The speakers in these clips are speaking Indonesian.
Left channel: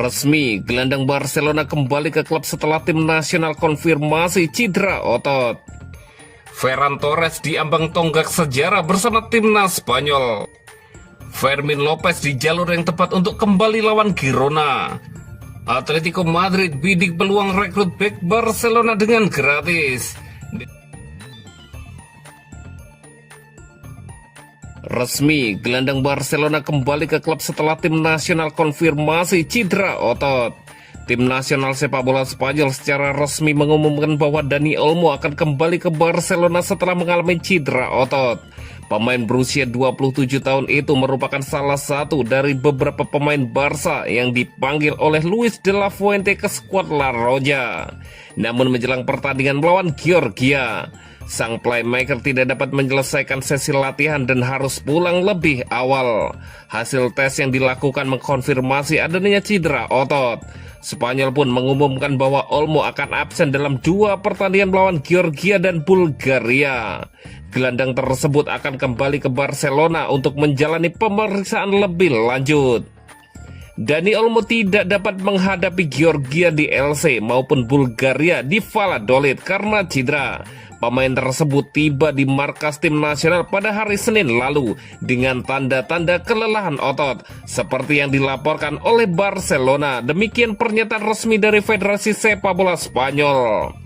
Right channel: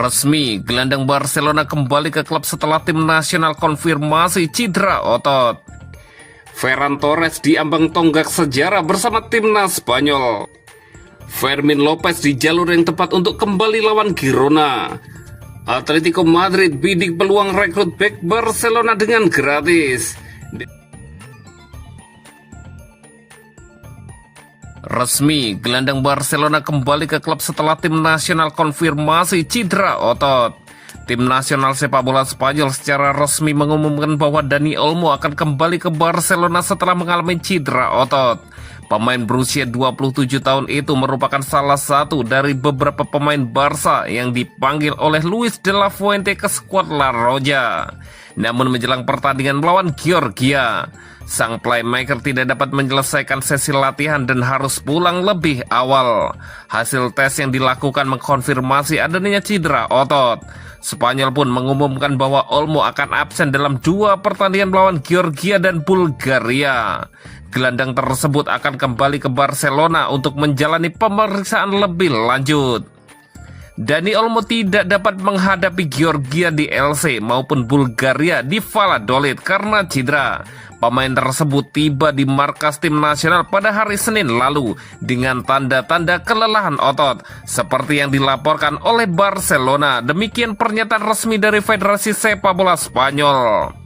Resmi, gelandang Barcelona kembali ke klub setelah tim nasional konfirmasi cedera otot. Ferran Torres diambang tonggak sejarah bersama timnas Spanyol. Fermin Lopez di jalur yang tepat untuk kembali lawan Girona. Atletico Madrid bidik peluang rekrut bek Barcelona dengan gratis. Resmi, gelandang Barcelona kembali ke klub setelah tim nasional konfirmasi cedera otot. Tim nasional sepak bola Spanyol secara resmi mengumumkan bahwa Dani Olmo akan kembali ke Barcelona setelah mengalami cedera otot. Pemain berusia 27 tahun itu merupakan salah satu dari beberapa pemain Barca yang dipanggil oleh Luis de la Fuente ke skuad La Roja. Namun menjelang pertandingan melawan Georgia, sang playmaker tidak dapat menyelesaikan sesi latihan dan harus pulang lebih awal. Hasil tes yang dilakukan mengkonfirmasi adanya cedera otot. Spanyol pun mengumumkan bahwa Olmo akan absen dalam 2 pertandingan melawan Georgia dan Bulgaria. Gelandang tersebut akan kembali ke Barcelona untuk menjalani pemeriksaan lebih lanjut. Dani Olmo tidak dapat menghadapi Georgia di LC maupun Bulgaria di Valladolid karena cedera. Pemain tersebut tiba di markas tim nasional pada hari Senin lalu dengan tanda-tanda kelelahan otot seperti yang dilaporkan oleh Barcelona. Demikian pernyataan resmi dari Federasi Sepak Bola Spanyol.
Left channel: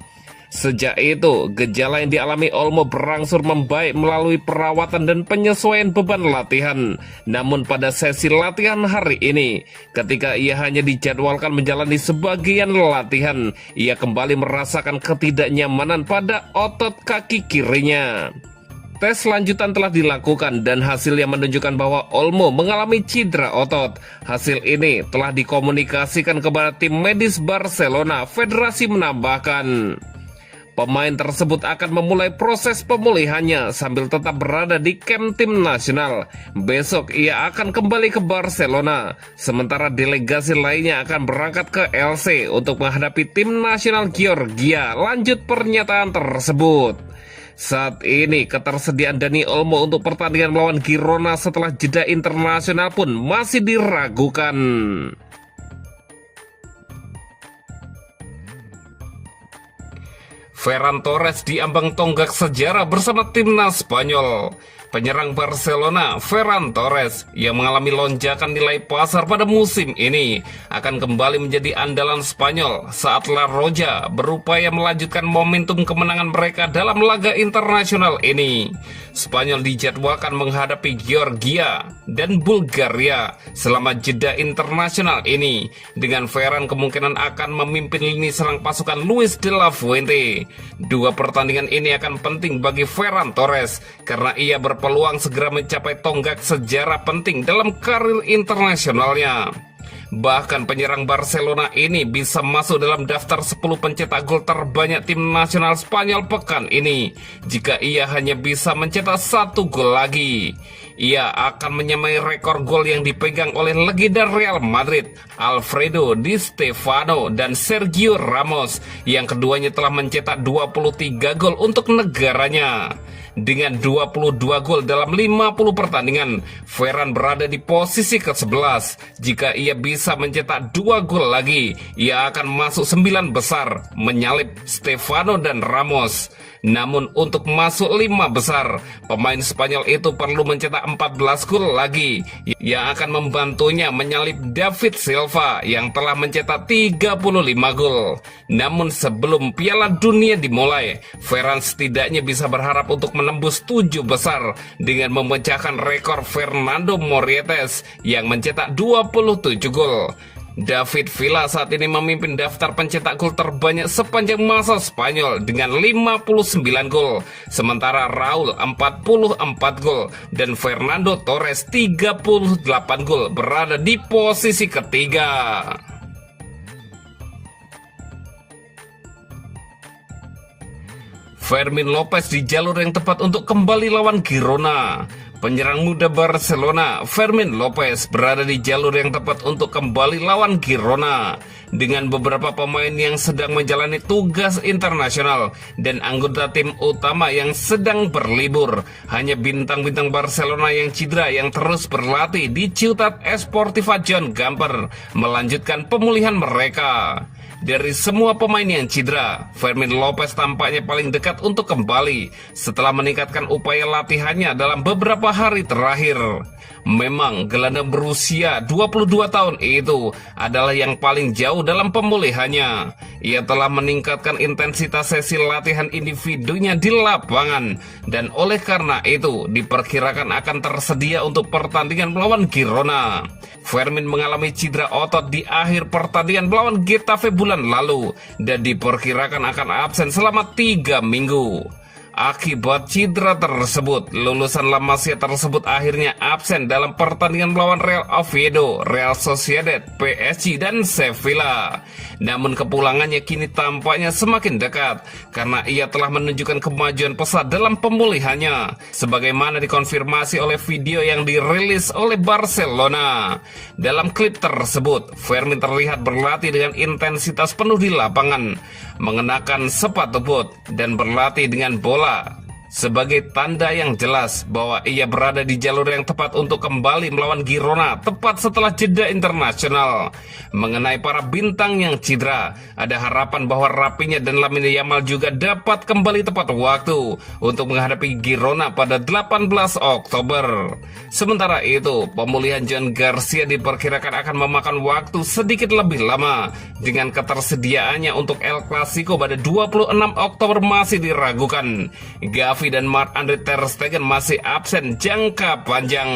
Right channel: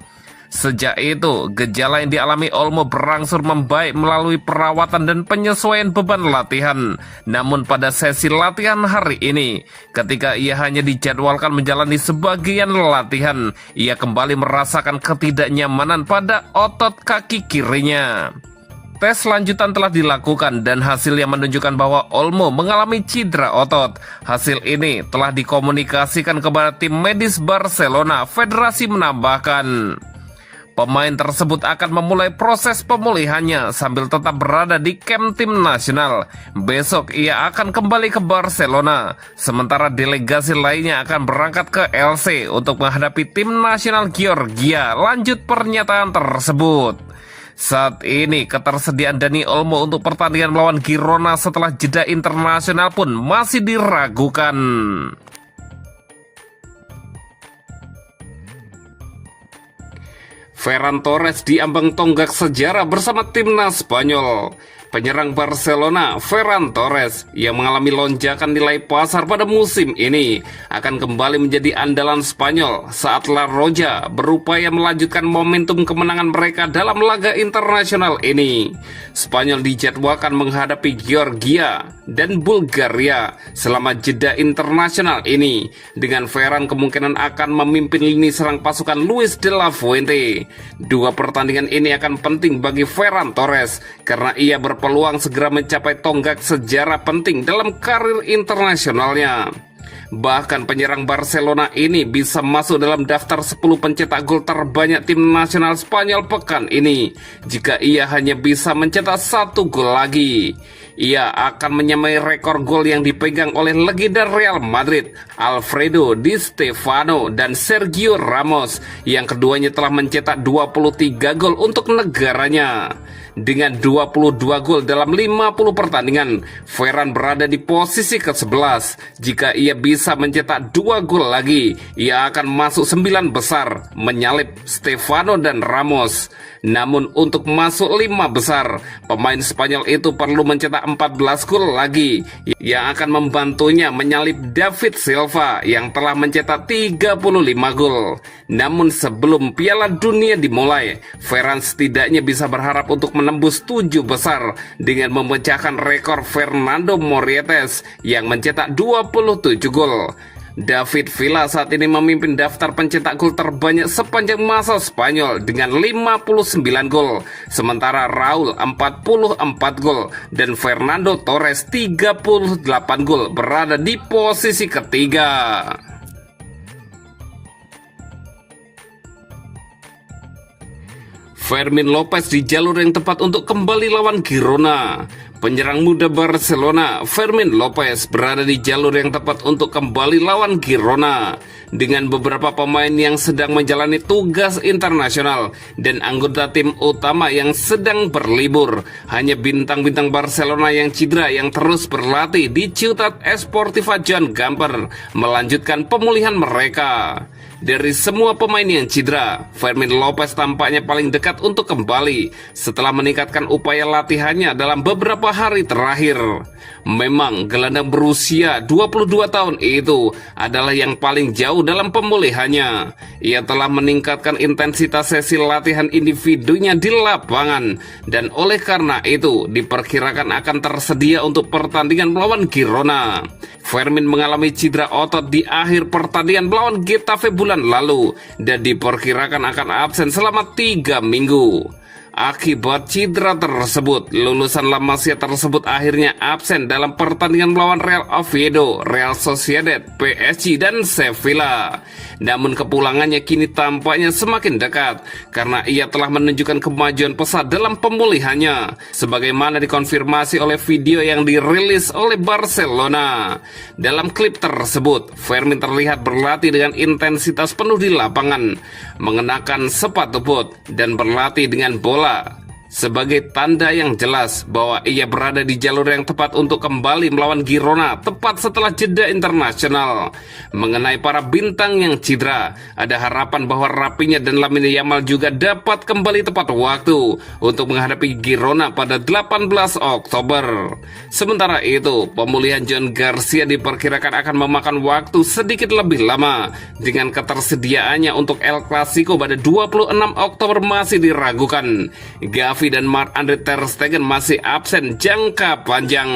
Sejak itu, gejala yang dialami Olmo berangsur membaik melalui perawatan dan penyesuaian beban latihan. Namun pada sesi latihan hari ini, ketika ia hanya dijadwalkan menjalani sebagian latihan, ia kembali merasakan ketidaknyamanan pada otot kaki kirinya. Tes lanjutan telah dilakukan dan hasilnya menunjukkan bahwa Olmo mengalami cedera otot. Hasil ini telah dikomunikasikan kepada tim medis Barcelona. Federasi menambahkan, pemain tersebut akan memulai proses pemulihannya sambil tetap berada di kamp tim nasional. Besok ia akan kembali ke Barcelona, sementara delegasi lainnya akan berangkat ke LC untuk menghadapi tim nasional Georgia. Lanjut pernyataan tersebut. Saat ini ketersediaan Dani Olmo untuk pertandingan melawan Girona setelah jeda internasional pun masih diragukan. Ferran Torres diambang tonggak sejarah bersama timnas Spanyol. Penyerang Barcelona, Ferran Torres, yang mengalami lonjakan nilai pasar pada musim ini, akan kembali menjadi andalan Spanyol saat La Roja berupaya melanjutkan momentum kemenangan mereka dalam laga internasional ini. Spanyol dijadwalkan menghadapi Georgia dan Bulgaria selama jeda internasional ini, dengan Ferran kemungkinan akan memimpin lini serang pasukan Luis de la Fuente. 2 pertandingan ini akan penting bagi Ferran Torres karena ia berpeluang segera mencapai tonggak sejarah penting dalam karir internasionalnya. Bahkan penyerang Barcelona ini bisa masuk dalam daftar 10 pencetak gol terbanyak tim nasional Spanyol pekan ini jika ia hanya bisa mencetak 1 gol lagi. Ia akan menyamai rekor gol yang dipegang oleh legenda Real Madrid, Alfredo Di Stefano dan Sergio Ramos, yang keduanya telah mencetak 23 gol untuk negaranya. Dengan 22 gol dalam 50 pertandingan, Ferran berada di posisi ke-11. Jika ia bisa mencetak 2 gol lagi, ia akan masuk 9 besar, menyalip Stefano dan Ramos. Namun untuk masuk 5 besar, pemain Spanyol itu perlu mencetak 14 gol lagi, yang akan membantunya menyalip David Silva yang telah mencetak 35 gol. Namun sebelum Piala Dunia dimulai, Ferran setidaknya bisa berharap untuk menembus 7 besar dengan memecahkan rekor Fernando Morientes yang mencetak 27 gol. David Villa saat ini memimpin daftar pencetak gol terbanyak sepanjang masa Spanyol dengan 59 gol, sementara Raul 44 gol dan Fernando Torres 38 gol berada di posisi ketiga. Fermin Lopez di jalur yang tepat untuk kembali lawan Girona. Penyerang muda Barcelona, Fermin Lopez, berada di jalur yang tepat untuk kembali lawan Girona. Dengan beberapa pemain yang sedang menjalani tugas internasional dan anggota tim utama yang sedang berlibur, hanya bintang-bintang Barcelona yang cedera yang terus berlatih di Ciutat Esportiva Joan Gamper melanjutkan pemulihan mereka. Dari semua pemain yang cedera, Fermin Lopez tampaknya paling dekat untuk kembali setelah meningkatkan upaya latihannya dalam beberapa hari terakhir. Memang gelandang berusia 22 tahun itu adalah yang paling jauh dalam pemulihannya. Ia telah meningkatkan intensitas sesi latihan individunya di lapangan dan oleh karena itu diperkirakan akan tersedia untuk pertandingan melawan Girona. Fermin mengalami cedera otot di akhir pertandingan melawan Getafe bulan lalu dan diperkirakan akan absen selama 3 minggu. Akibat cedera tersebut, lulusan La Masia tersebut akhirnya absen dalam pertandingan melawan Real Oviedo, Real Sociedad, PSG, dan Sevilla. Namun kepulangannya kini tampaknya semakin dekat karena ia telah menunjukkan kemajuan pesat dalam pemulihannya, sebagaimana dikonfirmasi oleh video yang dirilis oleh Barcelona. Dalam klip tersebut, Fermin terlihat berlatih dengan intensitas penuh di lapangan, mengenakan sepatu boot, dan berlatih dengan bola sebagai tanda yang jelas bahwa ia berada di jalur yang tepat untuk kembali melawan Girona tepat setelah jeda internasional. Mengenai para bintang yang cedera, ada harapan bahwa Rafinha dan Lamine Yamal juga dapat kembali tepat waktu untuk menghadapi Girona pada 18 Oktober. Sementara itu, pemulihan John Garcia diperkirakan akan memakan waktu sedikit lebih lama dengan ketersediaannya untuk El Clasico pada 26 Oktober masih diragukan. Gavi dan Marc-Andre ter Stegen masih absen jangka panjang.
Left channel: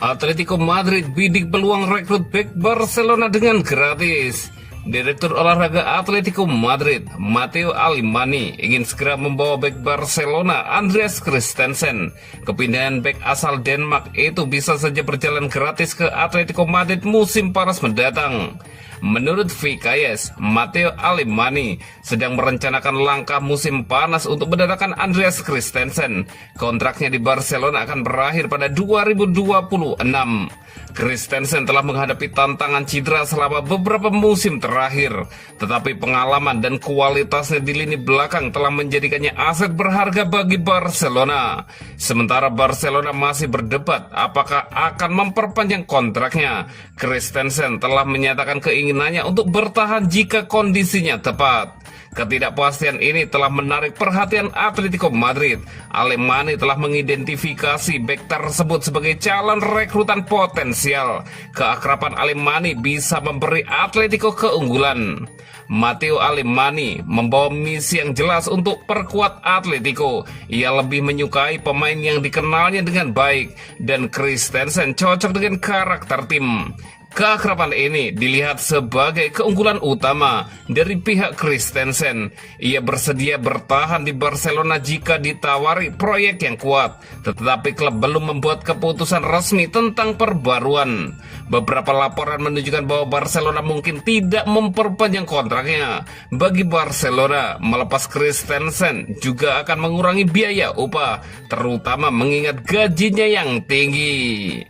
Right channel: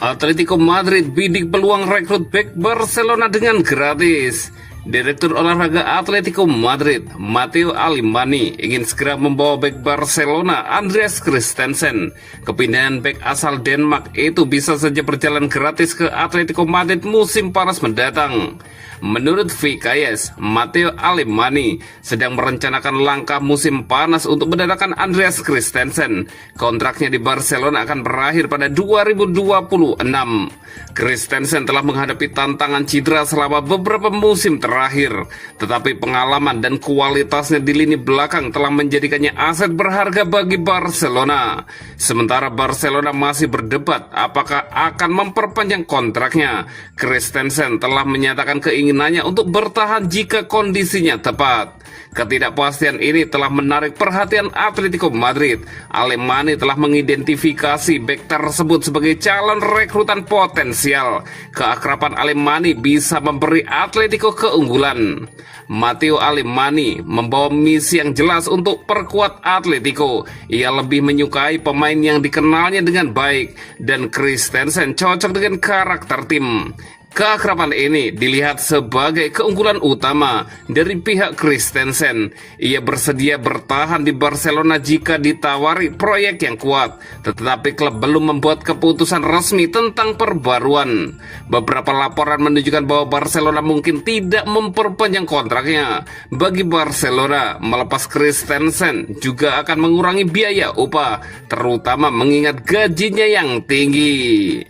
Atletico Madrid bidik peluang rekrut bek Barcelona dengan gratis. Direktur olahraga Atletico Madrid, Matteo Alemany, ingin segera membawa bek Barcelona Andreas Christensen. Kepindahan bek asal Denmark itu bisa saja berjalan gratis ke Atletico Madrid musim panas mendatang. Menurut VKS, Matteo Alemany sedang merencanakan langkah musim panas untuk mendatangkan Andreas Christensen. Kontraknya di Barcelona akan berakhir pada 2026. Christensen telah menghadapi tantangan cedera selama beberapa musim terakhir, tetapi pengalaman dan kualitasnya di lini belakang telah menjadikannya aset berharga bagi Barcelona. Sementara Barcelona masih berdebat apakah akan memperpanjang kontraknya, Christensen telah menyatakan keinginannya untuk bertahan jika kondisinya tepat. Ketidakpastian ini telah menarik perhatian Atletico Madrid. Alemany telah mengidentifikasi bek tersebut sebagai calon rekrutan potensial. Keakraban Alemany bisa memberi Atletico keunggulan. Matteo Alemany membawa misi yang jelas untuk perkuat Atletico. Ia lebih menyukai pemain yang dikenalnya dengan baik, dan Christensen cocok dengan karakter tim. Keakraban ini dilihat sebagai keunggulan utama dari pihak Christensen. Ia bersedia bertahan di Barcelona jika ditawari proyek yang kuat, tetapi klub belum membuat keputusan resmi tentang perbaruan. Beberapa laporan menunjukkan bahwa Barcelona mungkin tidak memperpanjang kontraknya. Bagi Barcelona, melepas Christensen juga akan mengurangi biaya upah, terutama mengingat gajinya yang tinggi.